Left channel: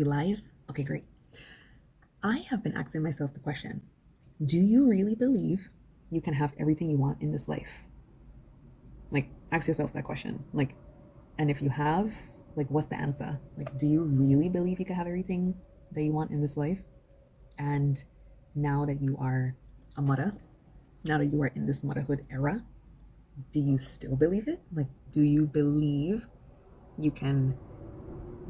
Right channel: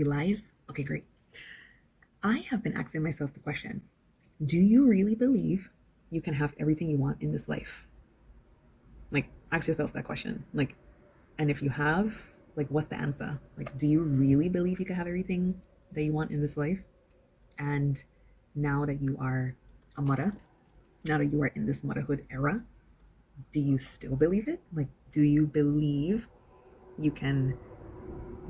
We live? Okay, great. I have been asking myself the question, do you really believe you can have everything you want in this life? Like, ask yourself that question. And if you have, what's the answer? Do you really believe you can have everything that you want in this life? And now that you are a mother, now that you are in this motherhood era, do you still believe it? Do you believe you can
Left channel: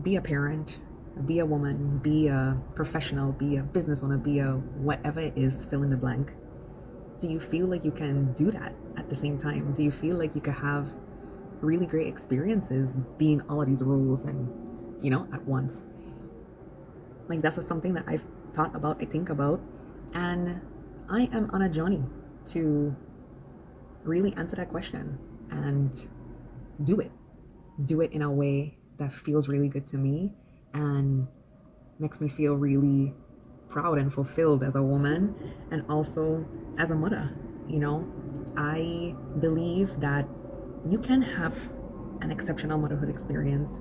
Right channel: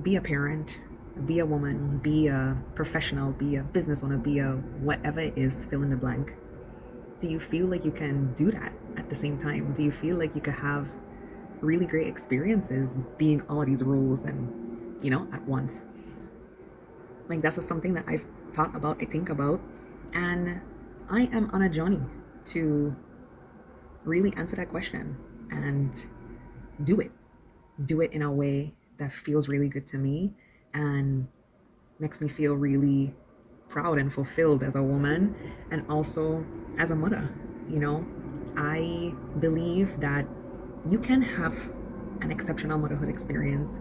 be a parent, be a woman, be a professional, be a business owner, be a whatever it is, fill in the blank? Do you feel like you can do that at the same time? Do you feel like you could have really great experiences being all these roles and, at once? That's just something that I've thought about, I think about, and I am on a journey to really answer that question and do it. Do it in a way that feels really good to me and makes me feel really proud and fulfilled as a woman and also as a mother. You know, I believe that you can have an exceptional motherhood experience.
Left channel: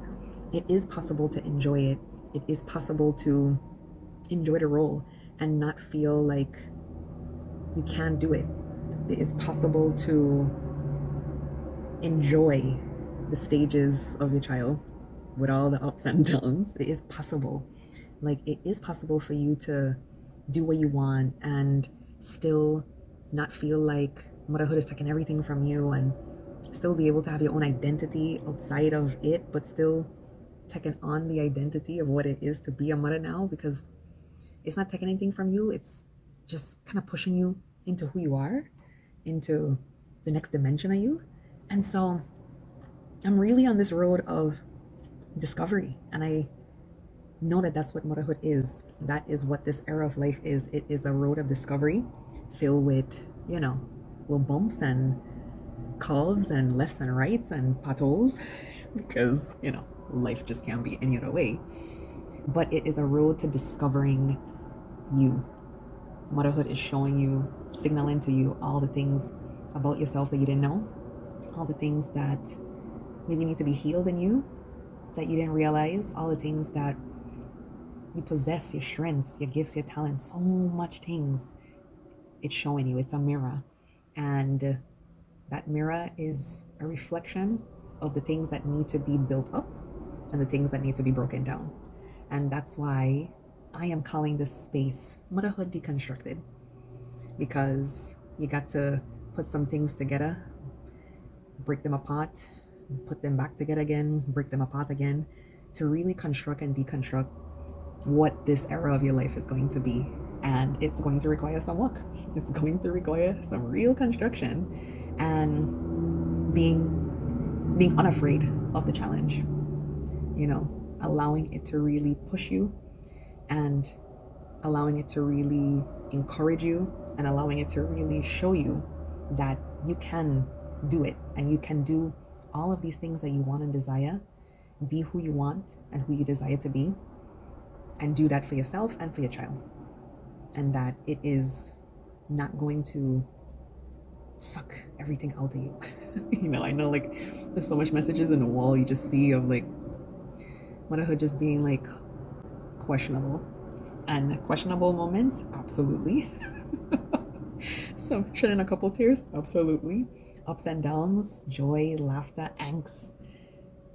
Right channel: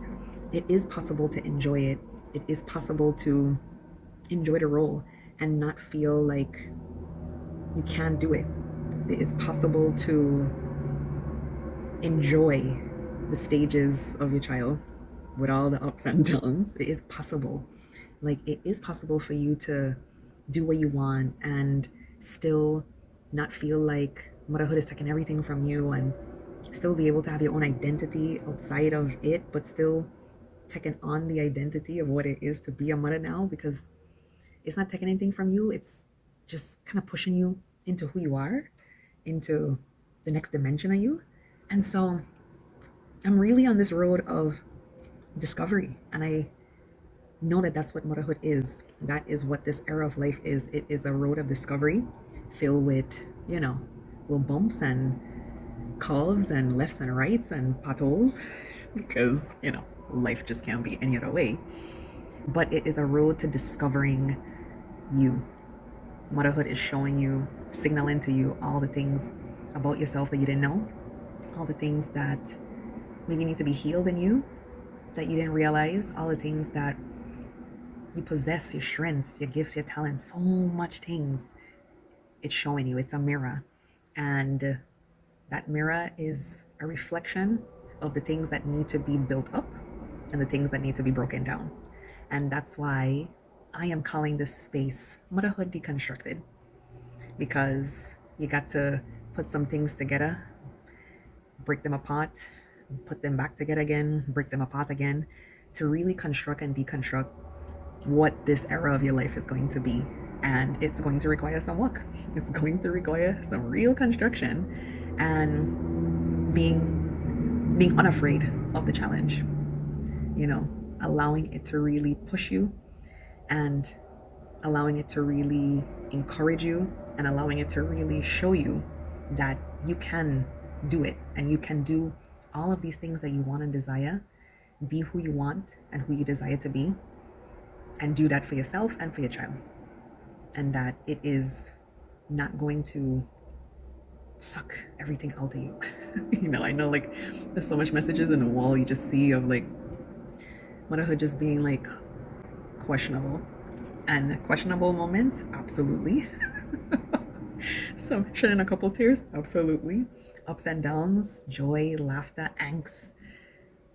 It is possible to enjoy it. It is possible to enjoy the role and not feel like you can't do it. It is possible to enjoy the stages of your child with all the ups and downs. It is possible. It is possible for you to do what you want and still not feel like motherhood is taking everything from you and still be able to have your own identity outside of it, but still taking on the identity of what it is to be a mother now, because it's not taking anything from you. It's just kind of pushing you into who you are, into the next dimension of you. And so I'm really on this road of discovery. And I know that that's what motherhood is. That is what this era of life is. It is a road of discovery filled with, little bumps and curves and lefts and rights and potholes because, life just can't be any other way. But it is a road to discovering you. Motherhood is showing you, signaling to you all the things about yourself that you didn't know, all the things that maybe need to be healed in you that you didn't realize, all the things that you possess, your strengths, your gifts, your talents, so much things. It's showing you. It's a mirror. And that mirror is a reflection of the things that need to be built up and the things that need to be broken down. And that's why I am calling this space Motherhood Deconstructed, because you got to put some things together, break them apart, put them back together again, break them apart again, to really construct and deconstruct what this era of your life is going to be. And it's going to require some work. It's going to require some real construction and being unafraid of the challenge, allowing it to really push you and allowing it to really encourage you and allowing it to really show you that you can do it and you can do all of these things that you want and desire, be who you want and who you desire to be, and do that for yourself and for your child. And that it is not going to suck everything out of you. I know there's so much messages in the wall you just see of motherhood just being questionable. And questionable moments, absolutely. Some shedding a couple tears, absolutely. Ups and downs, joy, laughter, angst,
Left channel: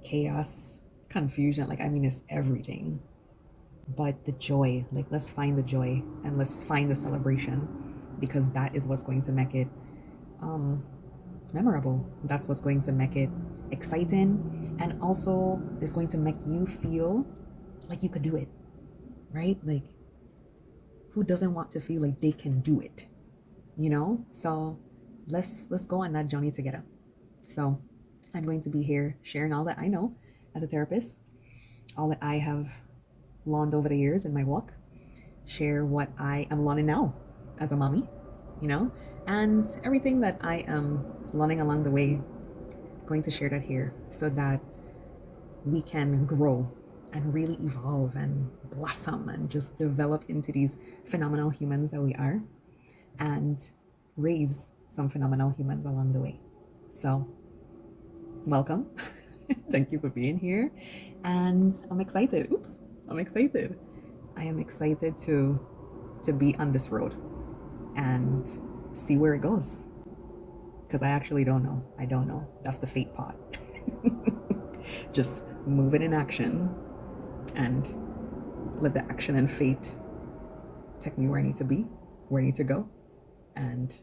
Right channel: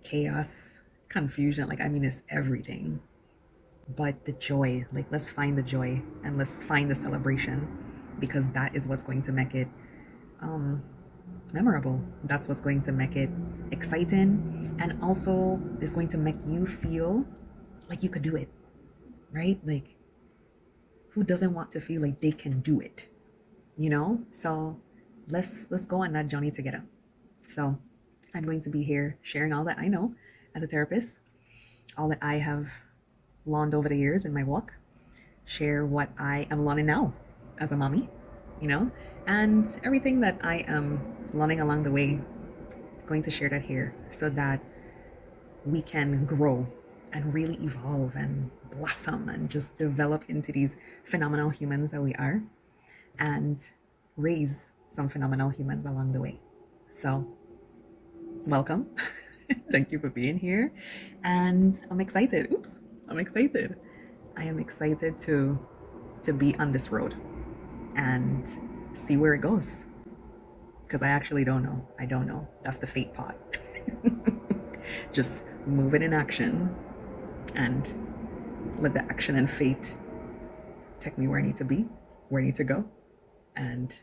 chaos, confusion. It's everything. But the joy, let's find the joy and let's find the celebration, because that is what's going to make it memorable. That's what's going to make it exciting, and also is going to make you feel like you could do it, right? Who doesn't want to feel like they can do it? So let's go on that journey together. So I'm going to be here sharing all that I know as a therapist, all that I have learned over the years in my walk, share what I am learning now as a mommy, and everything that I am learning along the way, going to share that here so that we can grow and really evolve and blossom and just develop into these phenomenal humans that we are and raise some phenomenal humans along the way. So, welcome. Thank you for being here. And I'm excited. Oops. I'm excited. I am excited to be on this road and see where it goes. Because I actually don't know. I don't know. That's the fate part. Just move it in action and let the action and fate take me where I need to be, where I need to go, and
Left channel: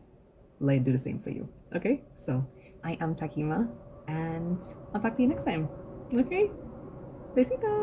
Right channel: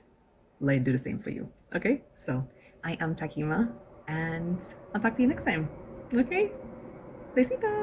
let it do the same for you. Okay? So I am Takima, and I'll talk to you next time. Okay? Besita.